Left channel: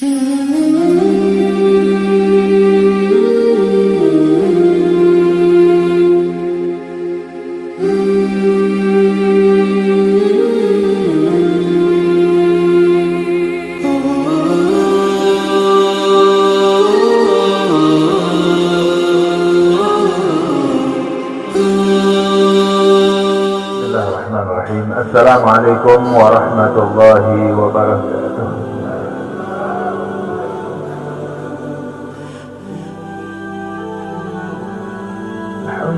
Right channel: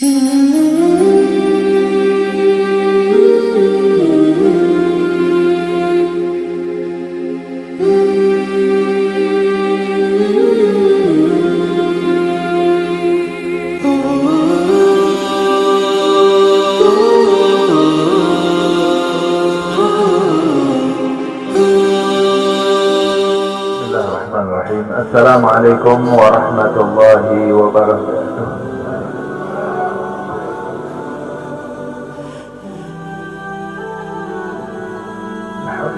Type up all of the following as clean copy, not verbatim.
Assalamualaikum warahmatullahi wabarakatuh.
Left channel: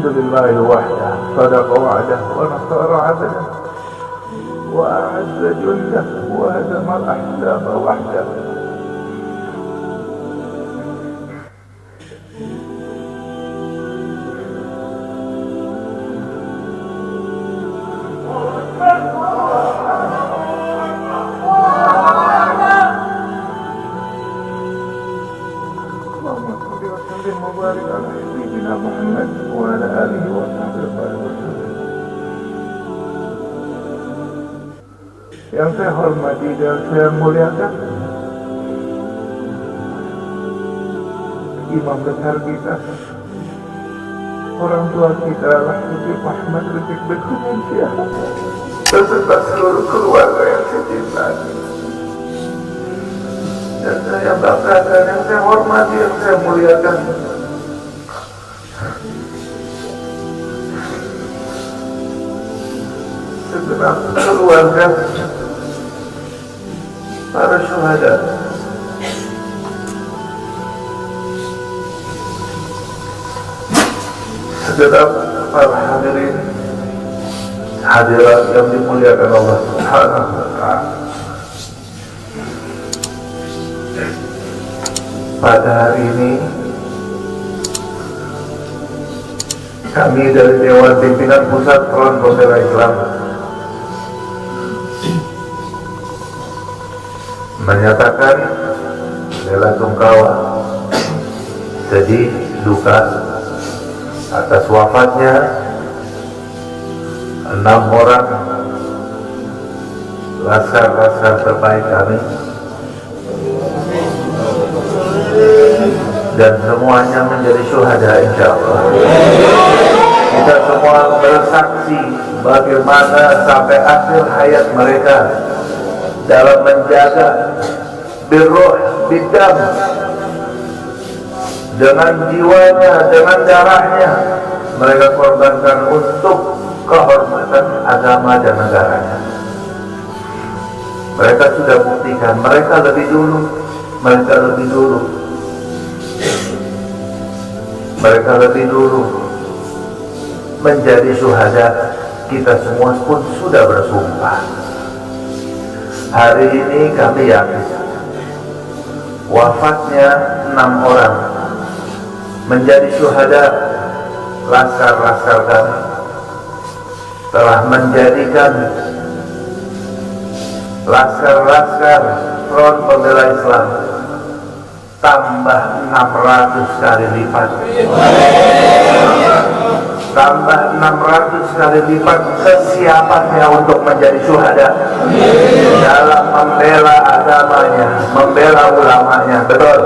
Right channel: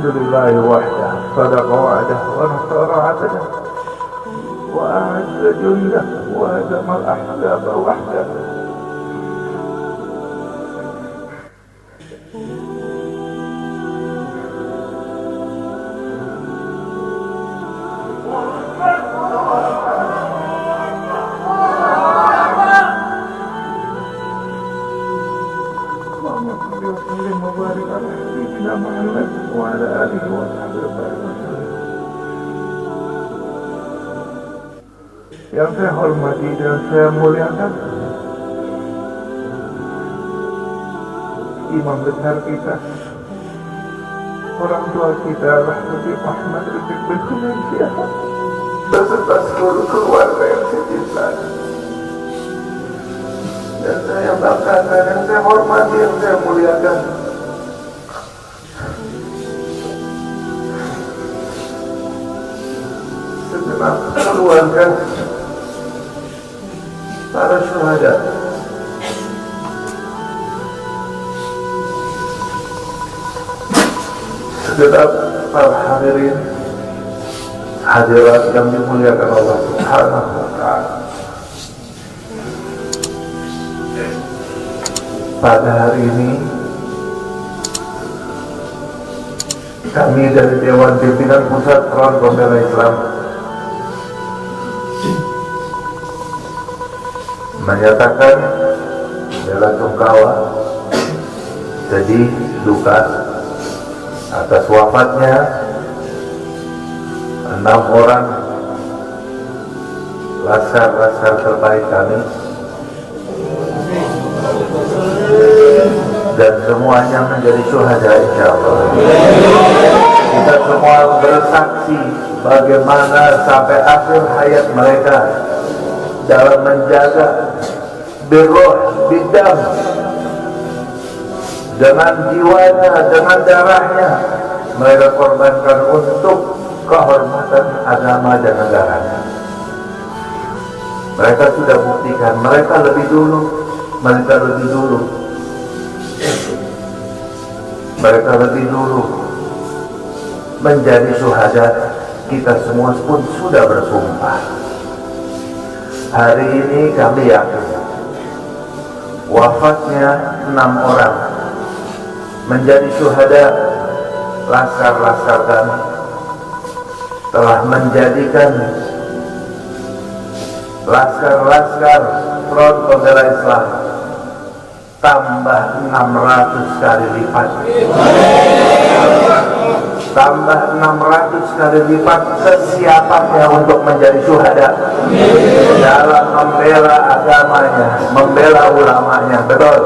Alhamdulillahi wahdah, sadaqa wa'dah, wa nasara 'abdah, wa a'azza jundah, wa hazama al-ahzaba wahdah. Yang saya hormati dan saya muliakan imam besar kita, orang tua kita, Habib Muhammad Rizieq bin Syah, beserta seluruh keluarga yang saya cintai. Dan saya banggakan, yang saya hormati, yang saya muliakan segenap keluarga para syuhada, segenap para hadirin hadirat yang dimuliakan Allah Subhanahu wa ta'ala. Pada hari ini kami dari Dewan Pimpinan Pusat Front Pembela Islam menyatakan bela sungkawa, sedih, duka atas wafatnya 6 orang laskar-laskar terbaik kami, dan semuanya menjadi syuhada insyaallah. Kita semua bersaksi bagaimana sampai akhir hayat mereka dalam menjaga birruh bidam, dengan jiwanya, dengan darahnya mereka korbankan untuk kehormatan agama dan negaranya. Mereka sudah buktikan, mereka lebih dulu menjadi syuhada. Kita semua pun sudah bersumpah. Hari ini kami yakin wafatnya 6 orang menjadi syuhada laskar-laskar kami telah menjadikan laskar-laskar Front Pembela Islam tambah 600 kali lipat, tambah 600 kali lipat kesiapannya untuk menjadi syuhada dalam membela agamanya, membela ulamanya. Betul.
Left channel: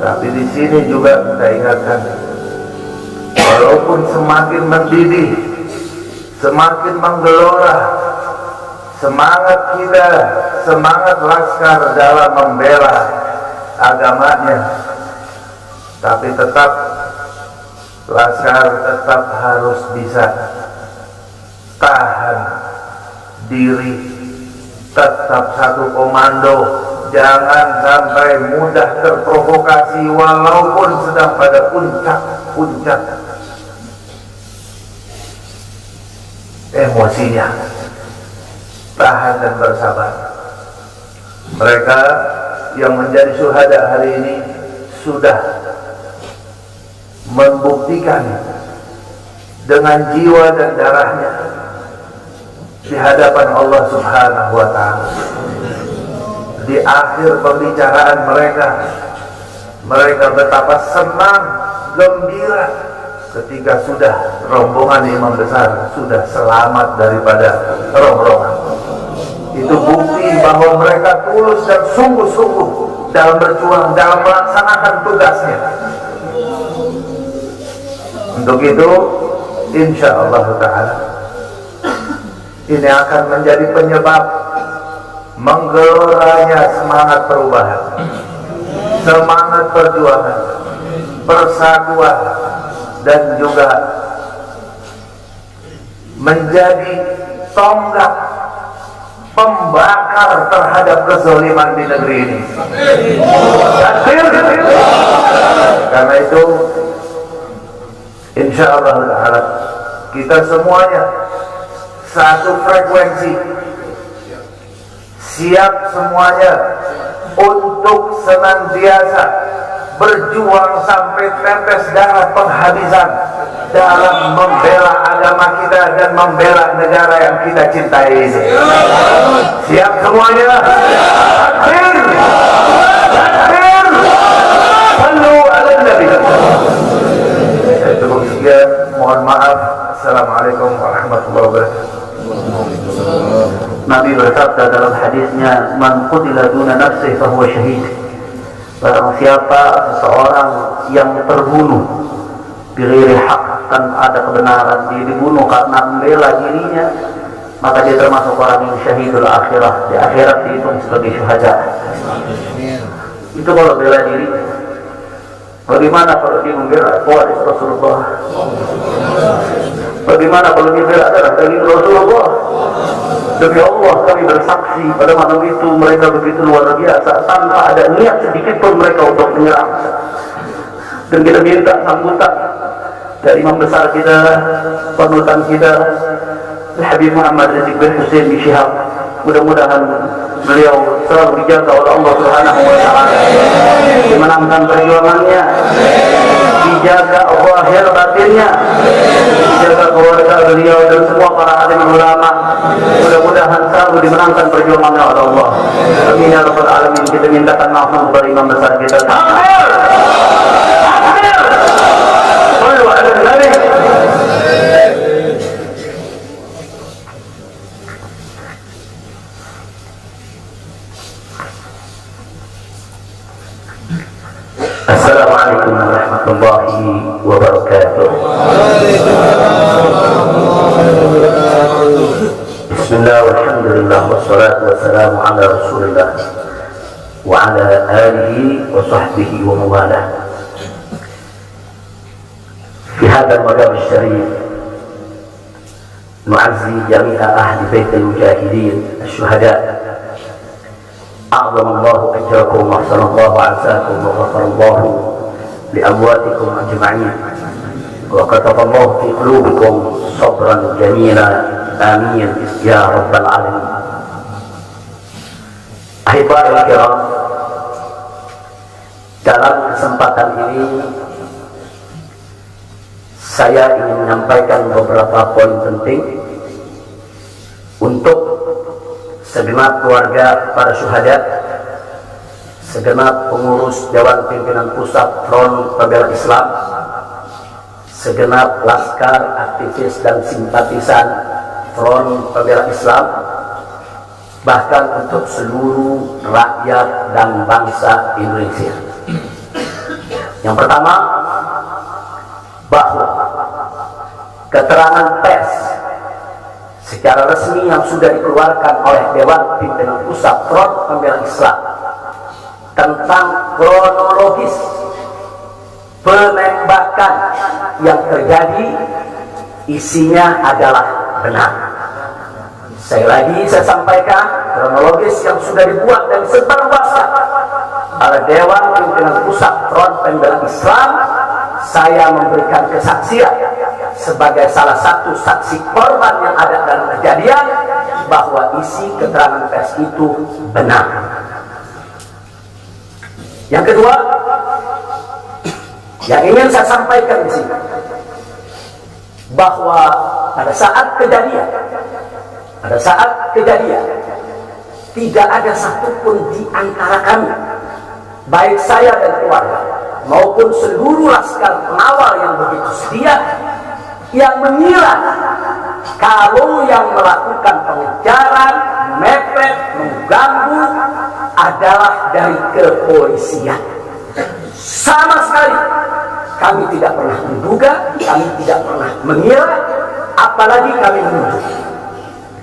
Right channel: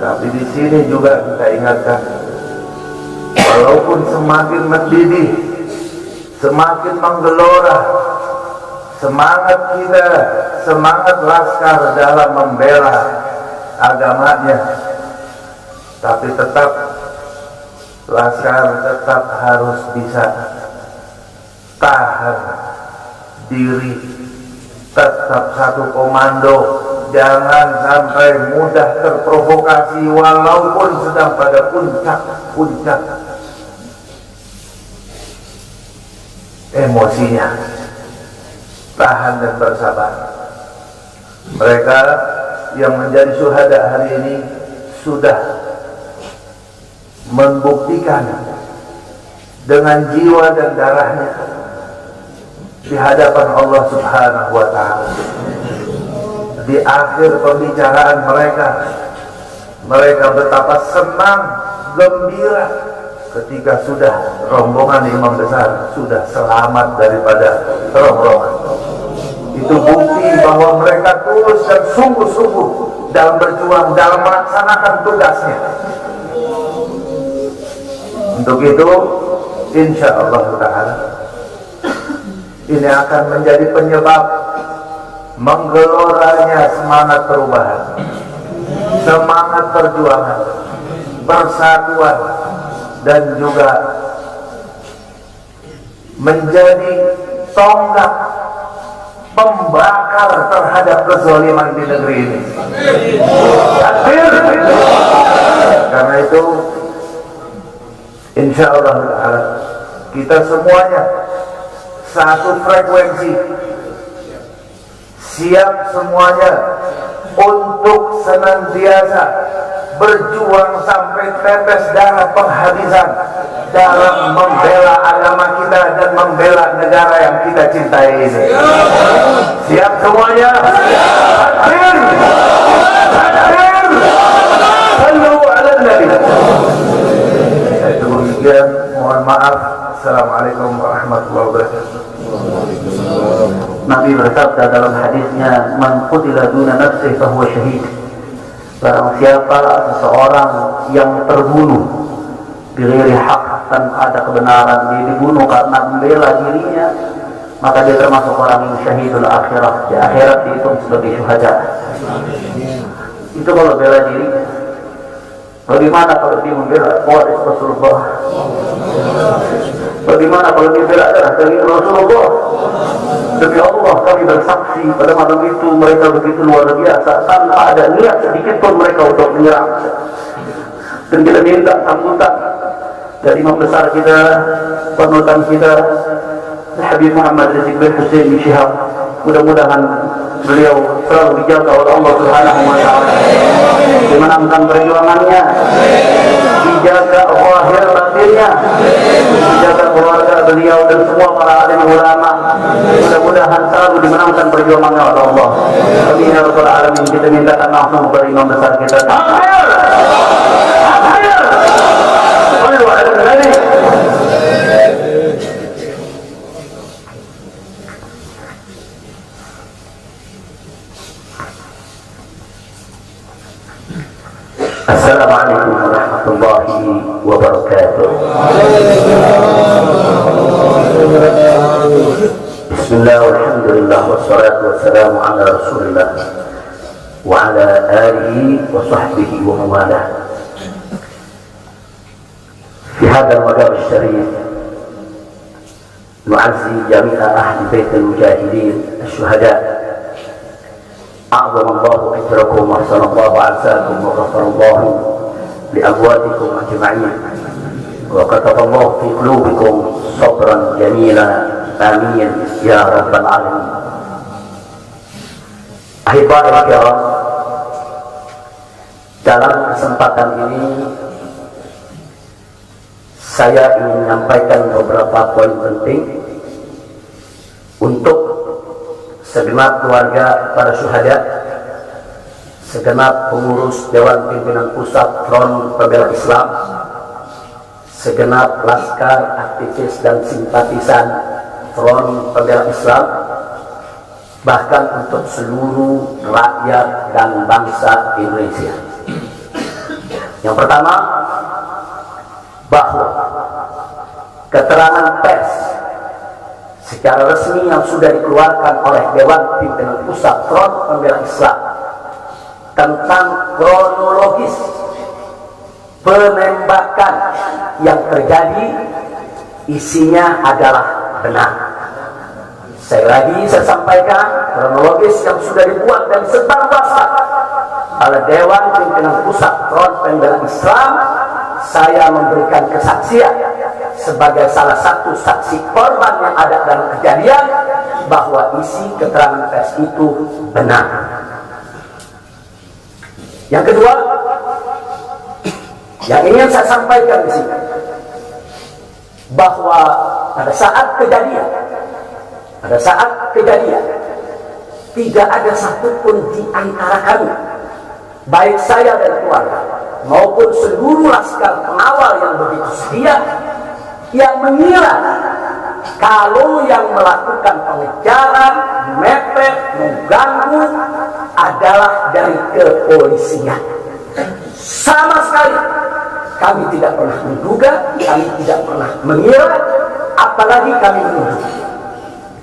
Tapi di sini juga kita ingatkan, walaupun semakin mendidih, semakin menggelora semangat kita, semangat laskar dalam membela agamanya, tapi tetap laskar tetap harus bisa tahan diri, tetap satu komando, jangan sampai mudah terprovokasi walaupun sedang pada puncak emosinya. Tahan dan bersabar. Mereka yang menjadi syuhada hari ini sudah membuktikan dengan jiwa dan darahnya di hadapan Allah Subhanahu wa ta'ala. Di akhir pembicaraan mereka betapa senang, gembira ketika sudah rombongan imam besar sudah selamat daripada ronggrongan. Itu bukti bahwa mereka tulus dan sungguh-sungguh dalam berjuang, dalam melaksanakan tugasnya. Untuk itu, insya Allah Ta'ala, ini akan menjadi penyebab menggeloranya semangat perubahan, semangat perjuangan, persatuan, dan juga menjadi tonggak pembakar terhadap kezaliman di negeri ini. Karena itu, insya Allah Ta'ala, kita semuanya satu frekuensi, siap semuanya untuk senantiasa berjuang sampai tetes darah penghabisan dalam membela agama kita dan membela negara yang kita cintai ini. Siap semuanya? Takbir! Takbir! Sallu ala Nabi. Saya cukup sekian, mohon maaf. Assalamualaikum warahmatullahi wabarakatuh. Nabi bersabda dalam hadisnya, "Man qutila duna nafsihi fahuwa syahid." Barang siapa seseorang yang terbunuh bighairi haq, tanpa ada kebenaran, dia dibunuh karena membela dirinya, maka dia termasuk orang yang syahidul akhirah. Di akhirat dihitung sebagai syuhada. Itu kalau bela diri. Bagaimana kalau dia membela waris Rasulullah? Bagaimana kalau dia bela darah daging Rasulullah? Demi Allah kami bersaksi pada malam itu mereka begitu luar biasa, tanpa ada niat sedikit pun mereka untuk menyerang. Dan kita minta sambutan dari imam besar kita, panutan kita, Habib Muhammad Rizik bin Hussein bin Syihab. Mudah-mudahan beliau selalu dijaga oleh Allah Subhanahu wa Ta'ala, dimenangkan perjuangannya, dijaga zahir batinnya, dijaga keluarga beliau dan semua para alim ulama. Mudah-mudahan selalu dimenangkan perjuangannya oleh Allah. Amin ya rabbal alamin. Kita mintakan langsung kepada imam besar kita. Takbir! Takbir! Sallu ala Nabi. Assalamualaikum warahmatullahi wabarakatuh. Bismillah walhamdulillah wassalatu wassalamu ala rasulillah wa ala alihi wa sahbihi wa mawalah. Fi hadha al-maqam al-sharif nu'azzi jami'a ahli bait al-mujahidin al-shuhada. أعظم الله أجركم وأحسن الله عزاكم وغفر الله لأمواتكم أجمعين وكتب الله في قلوبكم صبرا جميلا آمين يا رب العالمين. Ahibba'il kiram, dalam kesempatan ini saya ingin menyampaikan beberapa poin penting untuk segenap keluarga para syuhada, segenap pengurus Dewan Pimpinan Pusat Front Pembela Islam, segenap laskar, aktivis dan simpatisan Front Pembela Islam, bahkan untuk seluruh rakyat dan bangsa Indonesia. Yang pertama, bahwa keterangan pers secara resmi yang sudah dikeluarkan oleh Dewan Pimpinan Pusat Front Pembela Islam tentang kronologis penembakan yang terjadi isinya adalah benar. Saya sampaikan kronologis yang sudah dibuat dan sebarluaskan oleh Dewan Pimpinan Pusat Front Pembela Islam. Saya memberikan kesaksian sebagai salah satu saksi korban yang ada dalam kejadian bahwa isi keterangan pers itu benar. Yang kedua, yang ingin saya sampaikan di sini, bahwa pada saat kejadian tidak ada satupun di antara kami, baik saya dan keluarga maupun seluruh laskar pengawal yang begitu setia, yang mengira kalau yang melakukan pengejaran, mepet, ganggu adalah dari kepolisian. Sama sekali kami tidak pernah menduga, kami tidak pernah mengira, apalagi kami menuduh.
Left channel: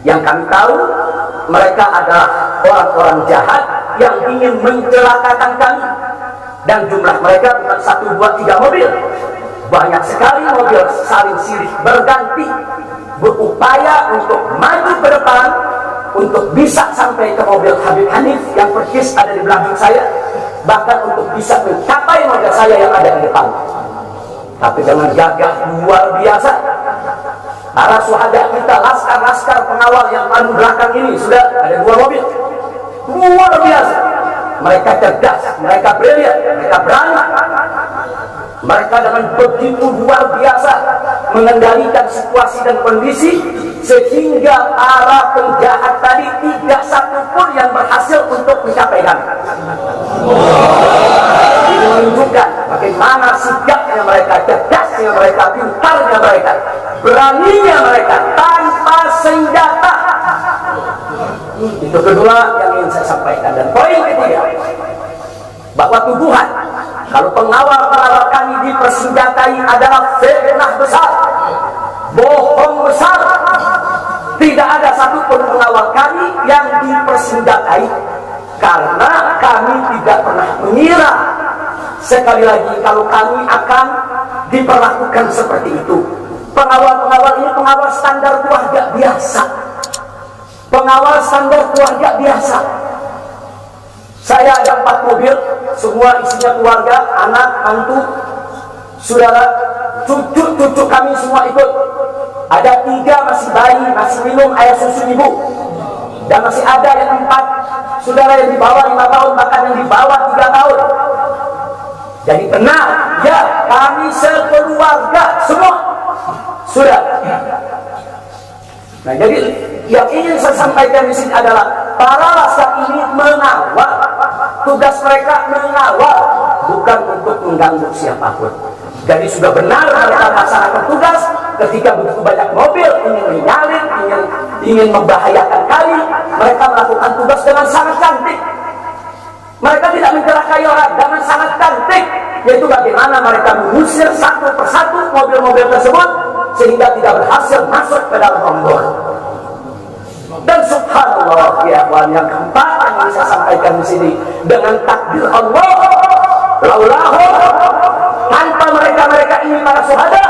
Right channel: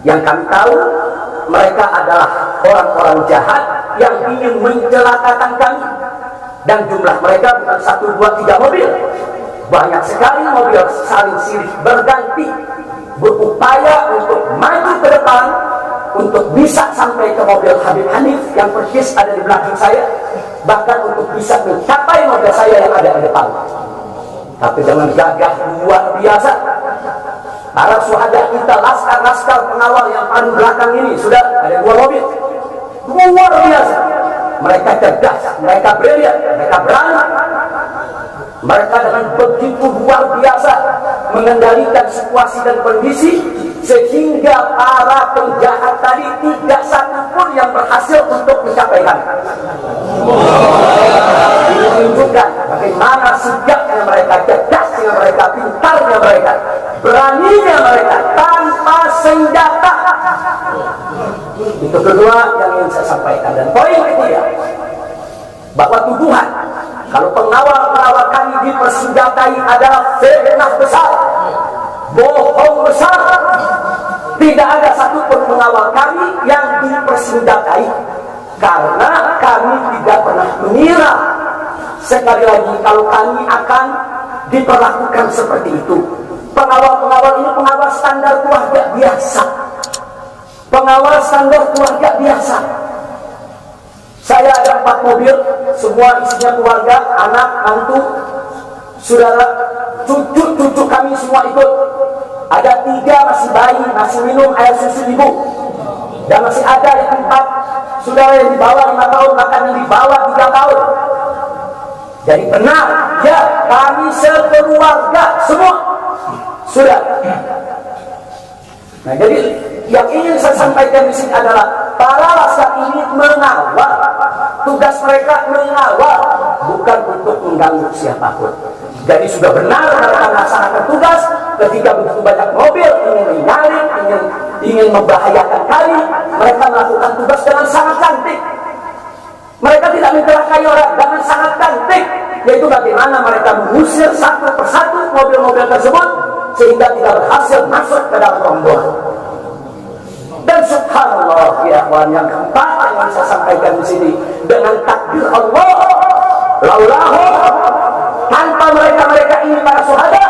Yang kami tahu, mereka adalah orang-orang jahat yang ingin mencelakakan kami. Dan jumlah mereka bukan 1, 2, 3 mobil. Banyak sekali mobil saling silih berganti, berupaya untuk maju ke depan, untuk bisa sampai ke mobil Habib Hanif yang persis ada di belakang saya, bahkan untuk bisa mencapai mobil saya yang ada di depan. Tapi dengan gagah luar biasa, para syuhada kita, laskar-laskar pengawal yang paling belakang ini, sudah ada 2 mobil, luar biasa. Mereka cerdas, mereka brilian, mereka berani. Mereka dengan begitu luar biasa mengendalikan situasi dan kondisi, sehingga para penjahat tadi tidak satu pun yang berhasil untuk mencapai kami. Ini menunjukkan bagaimana sigapnya mereka, cerdasnya mereka, pintarnya mereka, beraninya mereka tanpa senjata. Itu kedua yang ingin saya sampaikan. Dan poin ketiga, bahwa tuduhan kalau pengawal-pengawal kami dipersenjatai adalah fitnah besar, bohong besar. Tidak ada satupun pengawal kami yang dipersenjatai, karena kami tidak pernah mengira sekali lagi kalau kami akan diperlakukan seperti itu. Pengawal-pengawal ini pengawal standar keluarga biasa, pengawal standar keluarga biasa. Saya ada 4 mobil, semua isinya keluarga, anak, mantu, saudara, cucu kami semua ikut. Ada 3 masih bayi, masih minum air susu ibu, dan masih ada yang 4 saudara yang di bawah 5 tahun, bahkan yang di bawah 3 tahun. Jadi benar, ya, kami sekeluarga semua sudah. Nah, jadi yang ingin saya sampaikan di sini adalah para laskar ini mengawal, tugas mereka mengawal, bukan untuk mengganggu siapapun. Jadi sudah benar mereka melaksanakan tugas. Ketika begitu banyak mobil ingin menyalip, ingin membahayakan kami, mereka melakukan tugas dengan sangat cantik. Mereka tidak mencelakai orang, dengan sangat cantik, yaitu bagaimana mereka mengusir satu persatu mobil-mobil tersebut sehingga tidak berhasil masuk ke dalam rombongan. Dan subhanallah, ya kawan, yang keempat yang ingin saya sampaikan di sini, dengan takdir Allah, laulahu, tanpa mereka ini para syuhada,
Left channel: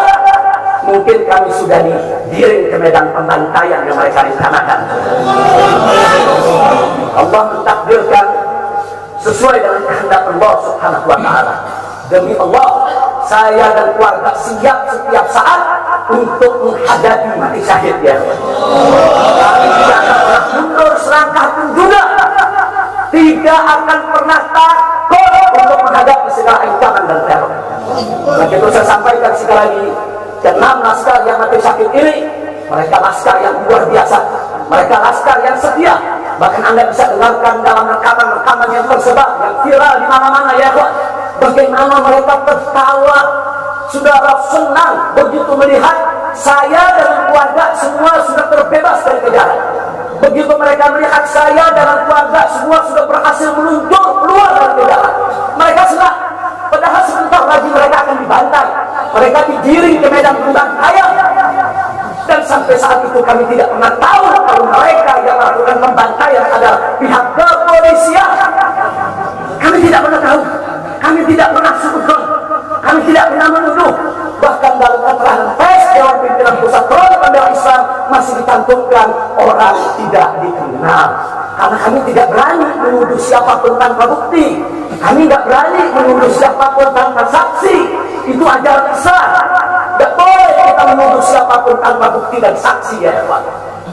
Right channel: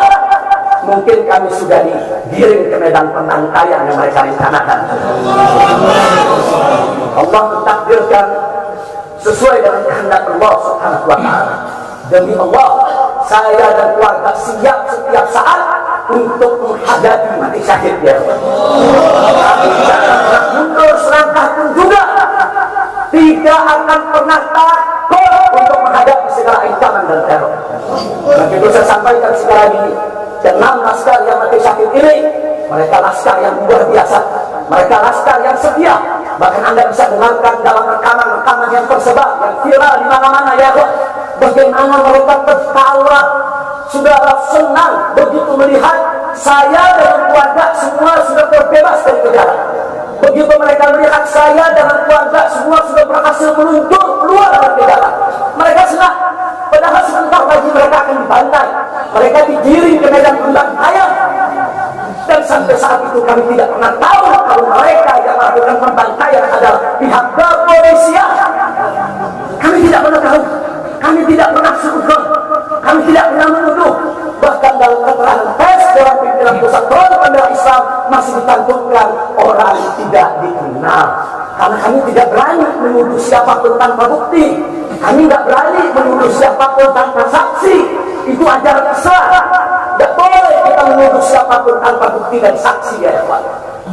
mungkin kami sudah digiring ke medan pembantaian yang mereka rencanakan. Allah mentakdirkan sesuai dengan kehendak Allah subhanahu wa ta'ala. Demi Allah, saya dan keluarga siap setiap saat untuk menghadapi mati syahid, ya. Kami tidak akan pernah mundur selangkah pun juga, tidak akan pernah takut untuk menghadapi segala ancaman dan teror. Maka itu saya sampaikan sekali lagi, 6 laskar yang mati syahid ini, mereka laskar yang luar biasa, mereka laskar yang setia. Bahkan Anda bisa dengarkan dalam rekaman-rekaman yang tersebar, yang viral di mana-mana, ya, bagaimana mereka tertawa, saudara, senang begitu melihat saya dan keluarga semua sudah terbebas dari penjara. Begitu mereka melihat saya dan keluarga semua sudah berhasil meluncur keluar dari penjara, mereka senang. Padahal sebentar lagi mereka akan dibantai, mereka digiring ke medan pembantaian. Dan sampai saat itu kami tidak pernah tahu kalau mereka yang melakukan pembantaian adalah pihak kepolisian. Kami tidak pernah tahu, kami tidak pernah suzon, kami tidak pernah menuduh. Bahkan dalam keterangan pers Dewan Pimpinan Pusat Front Pembela Islam masih dicantumkan orang tidak dikenal. Karena kami tidak berani menuduh siapapun tanpa bukti, kami tidak berani menuduh siapapun tanpa saksi. Itu ajaran besar. Tidak boleh kita menuduh siapapun tanpa bukti dan saksi, ya Pak.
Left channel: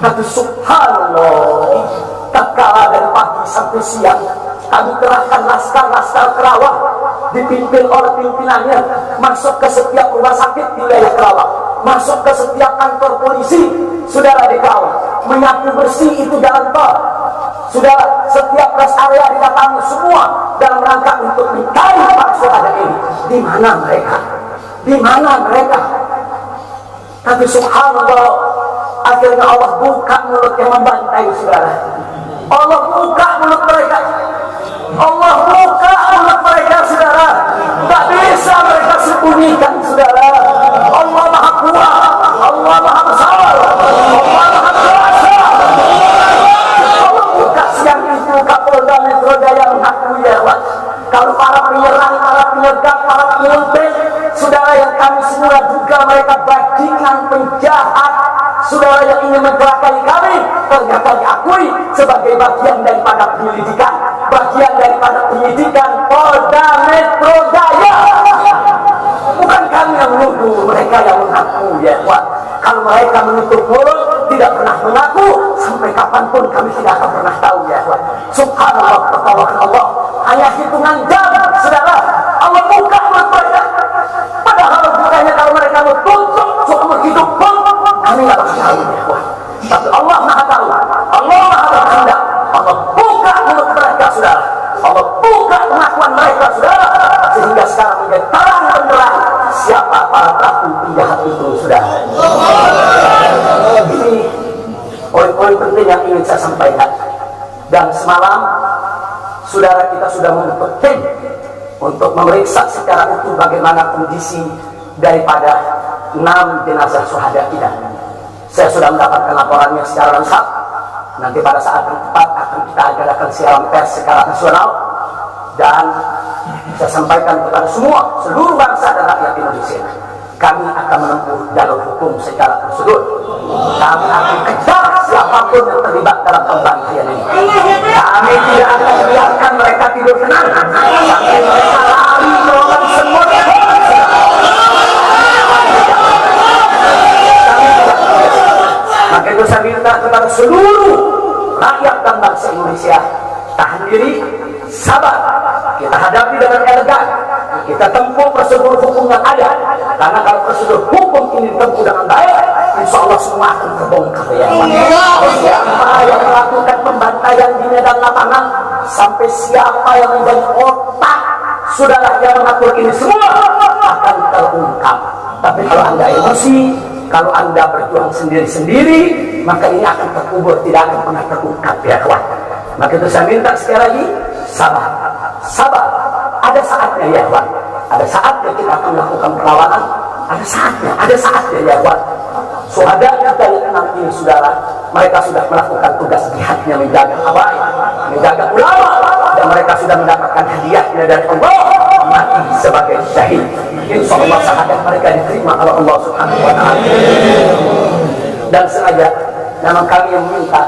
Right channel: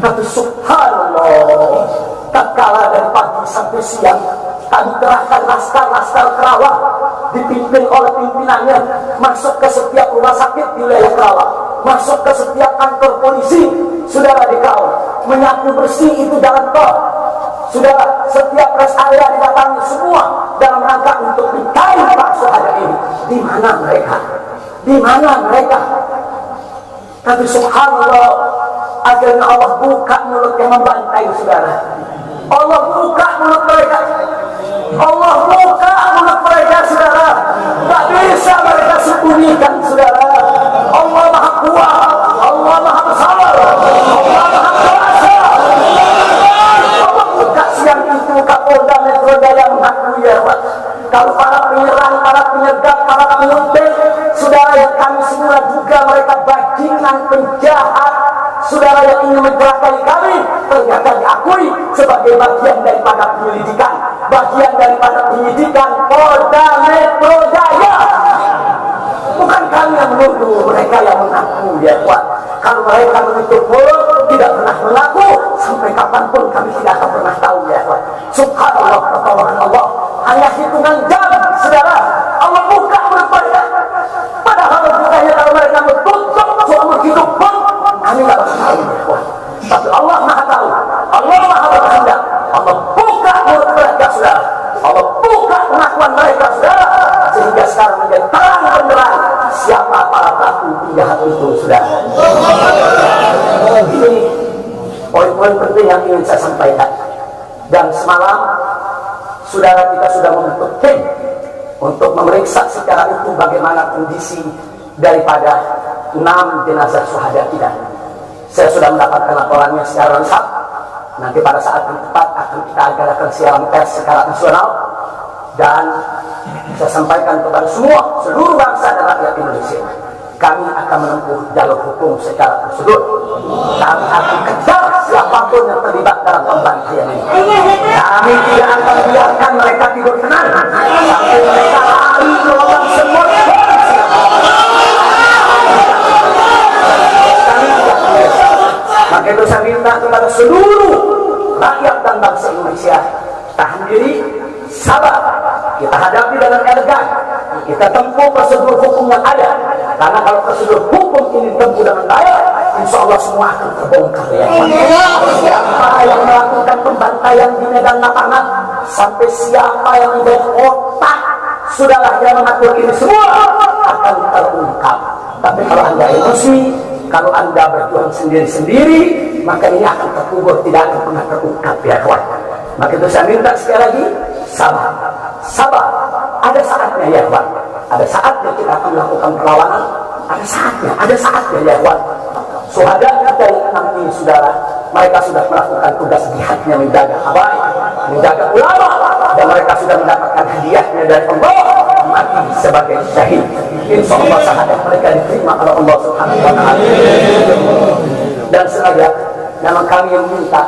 Tapi subhanallah, tak kalah dari pagi sampai siang, kami kerahkan laskar-laskar Kerawang dipimpin oleh pimpinannya masuk ke setiap rumah sakit di wilayah Kerawang, masuk ke setiap kantor polisi, saudara, di Kerawang, menyapu bersih itu jalan tol, saudara, setiap rest area didatangi semua dalam rangka untuk mencari para syuhada ini. Di mana mereka? Di mana mereka? Tapi subhanallah, akhirnya Allah buka mulut yang membantai, saudara. Allah buka mulut mereka. Allah buka mulut mereka, saudara. Tak bisa mereka sembunyikan, saudara. Allah Maha Kuat, Allah Maha Besar, Allah Maha Kuasa. Allah buka siang itu Kapolda Metro Jaya mengakui ya, Pak. Kalau para penyerang, para penyegap, para penyempil, saudara yang kami semula duga mereka bajingan penjahat, saudara yang ingin mencelakai kami, ternyata diakui sebagai bagian daripada penyelidikan, bagian daripada penyidikan Polda Metro Jaya. Bukan kami yang menuduh, mereka yang mengaku ya, Pak. Kalau mereka menutup mulut, tidak pernah mengaku, sampai kapanpun kami tidak akan pernah tahu ya, Pak. Subhanallah, pertolongan Allah. Hanya hitungan jam, saudara. Allah buka mulut mereka. Padahal bukanya kalau mereka mau tutup seumur hidup pun, kami nggak bakal tahu ya, Pak. Tapi Allah Maha tahu, Allah Maha berkehendak. Allah buka mulut mereka, saudara. Allah buka pengakuan mereka, saudara, sehingga sekarang menjadi terang benderang siapa para pelaku penjahat itu, saudara. Ini poin-poin penting yang ingin saya sampaikan. Dan semalam saudara kita sudah membentuk tim untuk memeriksa secara utuh bagaimana kondisi daripada 6 jenazah syuhada kita. Saya sudah mendapatkan laporannya secara lengkap. Nanti pada saat yang tepat akan kita adakan siaran pers secara nasional, dan saya sampaikan kepada seluruh bangsa dan rakyat Indonesia, kami akan menempuh jalur hukum secara prosedur. Kami akan kejar siapapun yang terlibat dalam pembantaian ini. Kami tidak akan biarkan mereka tidur tenang sampai mereka lari ke lubang semut. Kami tidak boleh. Maka itu saya minta kepada seluruh rakyat dan bangsa Indonesia, tahan diri, sabar. Kita hadapi dengan elegan. Kita tempuh prosedur hukum yang ada. Karena kalau prosedur hukum ini ditempuh dengan baik, insya Allah semua akan terbongkar ya. Siapa yang melakukan pembantaian di medan lapangan, sampai siapa yang menjadi otak, saudara yang mengatur ini semua akan terungkap. Tapi kalau Anda emosi, kalau Anda berjuang sendiri-sendiri, maka ini akan terkubur, tidak akan pernah terungkap ya kawan. Maka itu saya minta sekali lagi, sabar. Sabar. Ada saatnya ya kawan. Ada saatnya kita akan melakukan perlawanan. Ada saatnya ya kawan. Syuhada kita yang 6 ini, saudara, mereka sudah melakukan tugas jihadnya, menjaga habaib, menjaga ulama, dan mereka sudah mendapatkan hadiahnya dari Allah, mati sebagai syahid. Insya Allah syahadat mereka diterima oleh Allah Subhanahu wa Ta'ala. Dan sengaja memang kami yang minta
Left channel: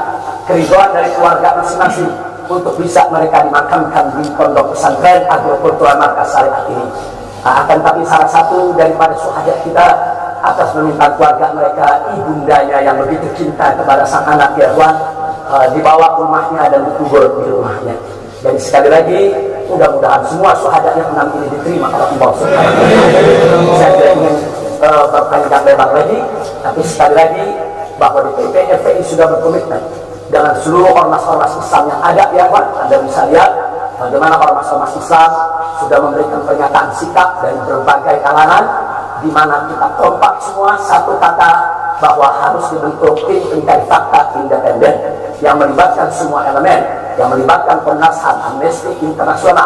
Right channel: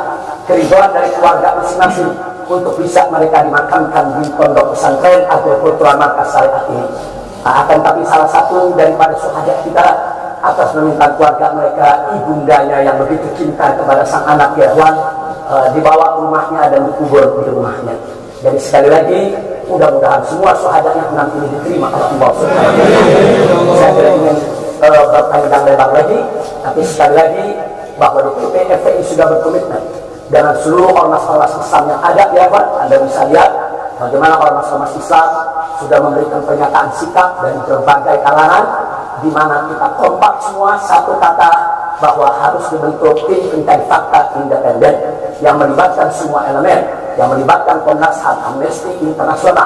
keridhaan dari keluarga masing-masing untuk bisa mereka dimakamkan di pondok pesantren Agrokultural Markas Syariat ini. Akan tapi salah satu daripada syuhada kita, atas permintaan keluarga mereka, ibundanya yang begitu cinta kepada sang anak Irwan, dibawa ke rumahnya dan dikubur di rumahnya. Jadi sekali lagi, mudah-mudahan semua syuhada yang 6 ini diterima oleh Allah Subhanahu wa Ta'ala. Saya tidak ingin berpanjang lebar lagi, tapi sekali lagi bahwa DPP FPI sudah berkomitmen dengan seluruh ormas-ormas Islam yang ada ya Pak. Anda bisa lihat bagaimana ormas-ormas Islam sudah memberikan pernyataan sikap dari berbagai kalangan, di mana kita kompak semua satu kata bahwa harus dibentuk tim pencari fakta independen yang melibatkan semua elemen, yang melibatkan Komnas HAM, Amnesty Internasional.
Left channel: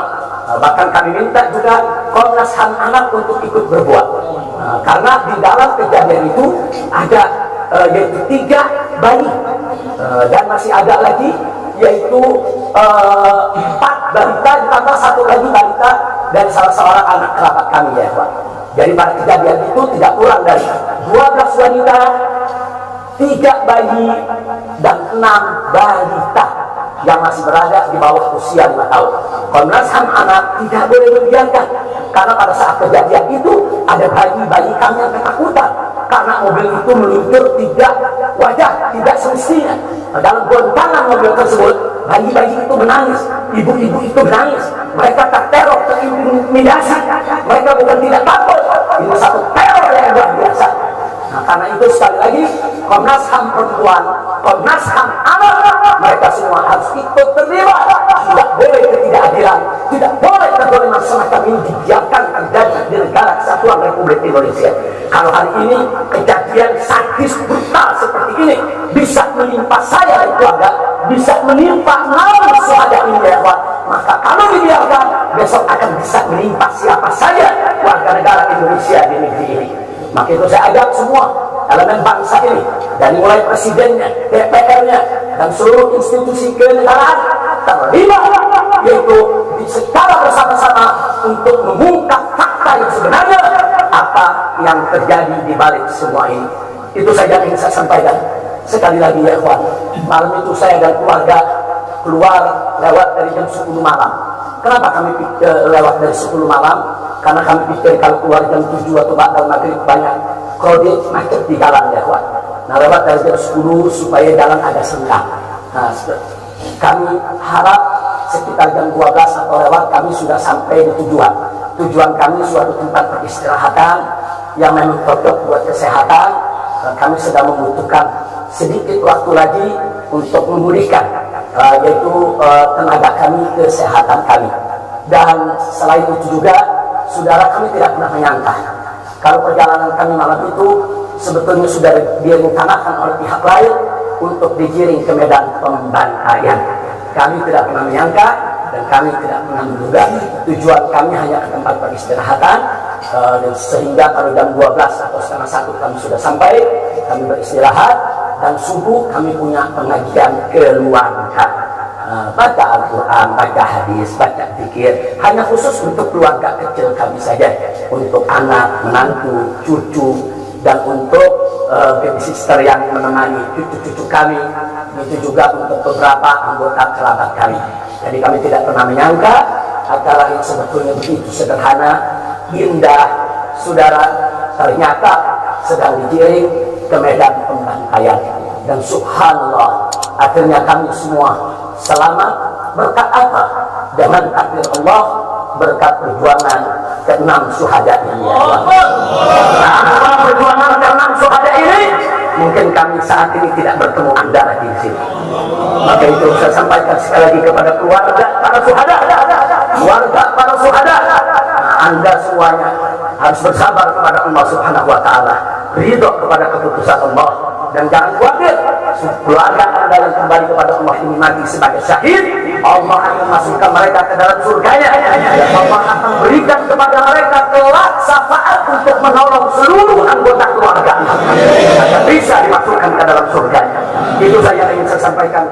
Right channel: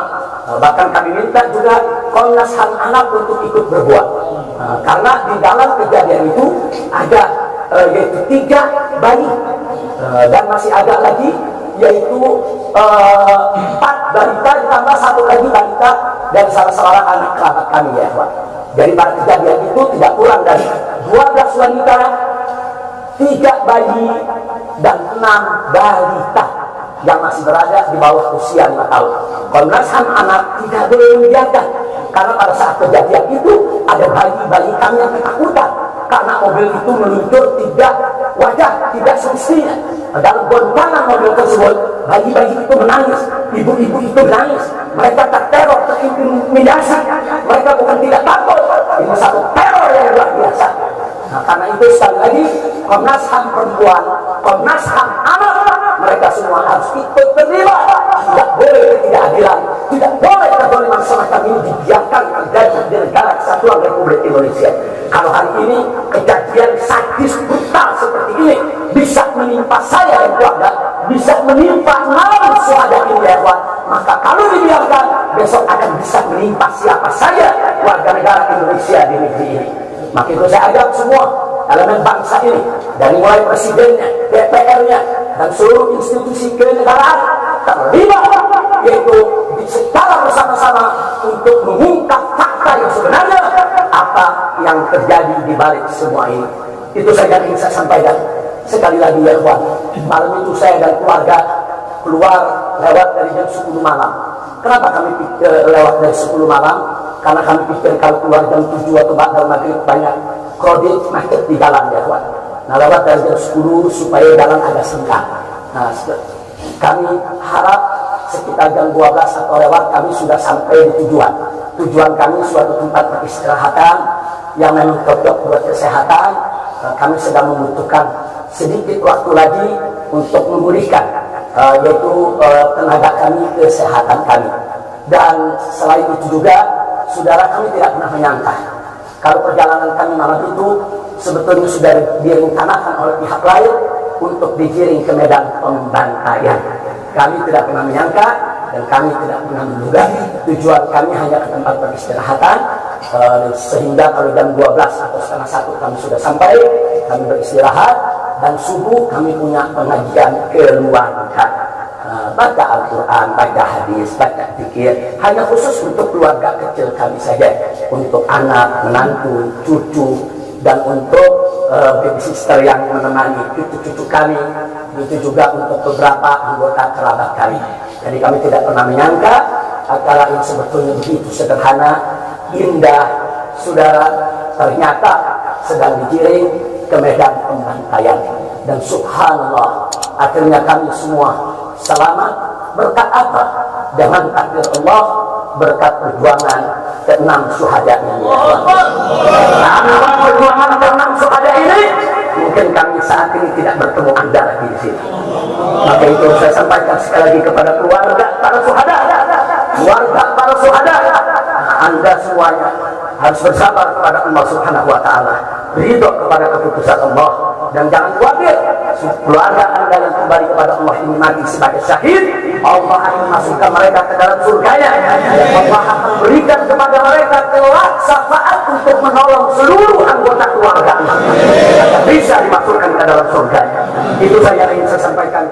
Bahkan kami minta juga Komnas HAM anak untuk ikut berbuat, karena di dalam kejadian itu ada yaitu 3 bayi, dan masih ada lagi yaitu 4 balita ditambah 1 lagi balita dan salah seorang anak kerabat kami ya Pak. Jadi pada kejadian itu tidak kurang dari 12 wanita, 3 bayi dan 6 balita yang masih berada di bawah usia 5 tahun. Komnas HAM anak tidak boleh membiarkan, karena pada saat kejadian itu ada bayi-bayi kami yang ketakutan karena mobil itu meluncur tidak wajar, tidak semestinya. Dalam goncangan mobil tersebut, bayi-bayi itu menangis, ibu-ibu itu menangis, mereka terteror, terintimidasi, mereka bukan tidak takut, ini satu teror yang luar biasa. Nah, karena itu sekali lagi Komnas HAM perempuan, Komnas HAM anak, mereka semua harus ikut terlibat. Tidak boleh ketidakadilan, tidak boleh kezaliman semacam ini dibiarkan terjadi di negara kesatuan Republik Indonesia. Kalau hari ini kejadian sadis brutal seperti ini bisa menimpa saya dan keluarga, bisa menimpa 6 syuhada ini ya ikhwan, maka kalau dibiarkan besok akan bisa menimpa siapa saja warga negara Indonesia di negeri ini. Maka itu saya ajak semua elemen bangsa ini, dari mulai presidennya, DPR-nya, dan seluruh institusi kenegaraan terlibat, yaitu secara bersama-sama untuk mengungkap fakta yang sebenarnya apa yang terjadi di balik semua ini. Itu saja yang ingin saya sampaikan. Sekali lagi ya ikhwan, malam itu saya dan keluarga keluar lewat dari jam 10 malam. Kenapa kami lewat dari 10 malam? Karena kami pikir kalau keluar jam 7 atau ba'dal maghrib banyak krodit macet di jalan ya ikhwan. Nah, lewat dari jam 10 supaya jalan agak senggang. Nah, kami harap sekitar jam 12 atau lewat kami sudah sampai di tujuan. Tujuan kami suatu tempat peristirahatan yang memang cocok buat kesehatan. Kami sedang membutuhkan sedikit waktu lagi untuk memulihkan yaitu tenaga kami, kesehatan kami. Dan selain itu juga, saudara, kami tidak pernah menyangka kalau perjalanan kami malam itu sebetulnya sudah direncanakan oleh pihak lain untuk digiring ke medan pembantaian. Kami tidak pernah menyangka dan kami tidak pernah menduga. Tujuan kami hanya ke tempat peristirahatan, sehingga kalau jam 12 atau setengah 1 kami sudah sampai, kami beristirahat, dan subuh kami punya pengajian keluarga, baca Al-Quran, baca hadis, baca zikir, hanya khusus untuk keluarga kecil kami saja, untuk anak, menantu, cucu, dan untuk baby sister yang menemani cucu-cucu kami, itu juga untuk beberapa anggota kerabat kami. Jadi kami tidak pernah menyangka acara ini sebetulnya begitu sederhana, indah, saudara. Ternyata sedang digiring ke medan pembantaian, dan subhanallah akhirnya kami semua selamat. Berkat apa? Dengan takdir Allah, berkat perjuangan ke-6 syuhada ini. Tanpa perjuangan ke-6 syuhada ini, mungkin kami saat ini tidak bertemu Anda lagi di sini. Maka itu saya sampaikan sekali lagi kepada keluarga para syuhada, keluarga para syuhada, Anda semuanya harus bersabar kepada Allah Subhanahu wa taala, ridho kepada keputusan Allah, dan jangan khawatir, keluarga Anda yang kembali kepada Allah ini mati sebagai syahid, Allah akan masukkan mereka ke dalam surganya, dan Allah akan berikan kepada mereka kelak syafaat untuk menolong seluruh anggota keluarga agar bisa dimasukkan ke dalam surganya. Itu saja yang ingin saya sampaikan.